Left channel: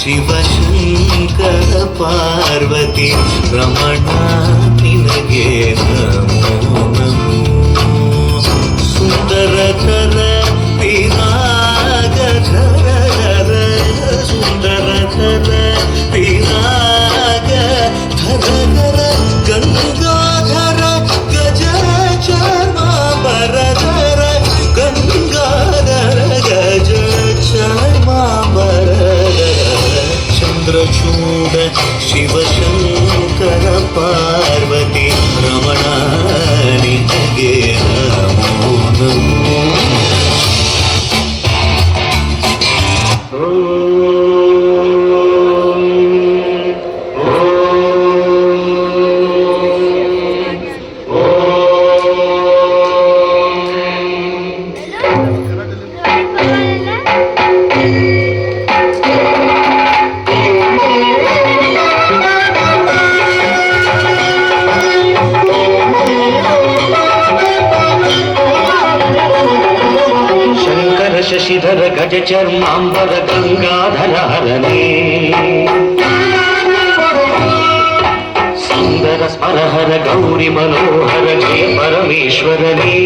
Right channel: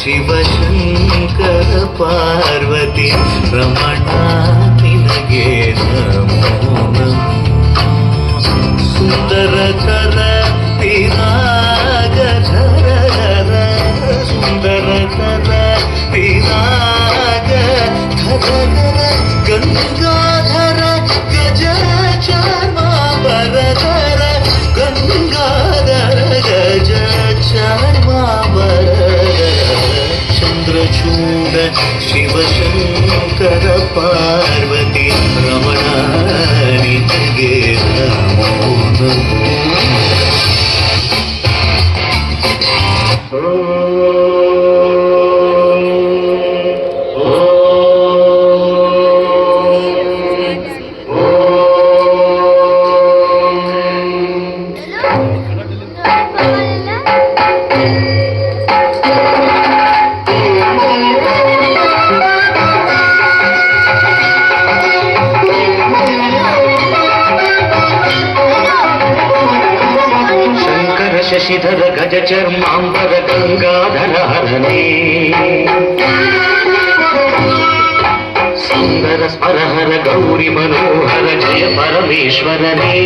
ಶಿವಶಂಕರ ಪಾರ್ವತಿ ರಮಣ ನಿನಗೆ ನಮೋ ನಮೋ ಸುಂದರಕರ ವಿರಾಗಧರ ಸುಂದರಕರ ವಿರಾಗ ಧರ ಗಂಗಾಧರ ಗಜ ಚಾರ್ಮಾಂಬರಧರ ಗಂಗಾಧರ ಗಜ ಚಾರ್ಮಾಂಬರಧರ ಚಂದ್ರಚೂಡ ಶಿವಶಂಕರ ಪಾರ್ವತಿ ರಮಣ ನಿನಗೆ ನಮೋ ನಮೋ ಶಶಿಧರ ಗಜ ಚರ್ಮಾಂಬರ ಗಂಗಾಧರ ಹರನೇ ಸುಂದರ ಸ್ಮರಹರ ಗೌರಿ ಮನೋಹರ ಜಯ ಪರಮೇಶ್ವರನೇ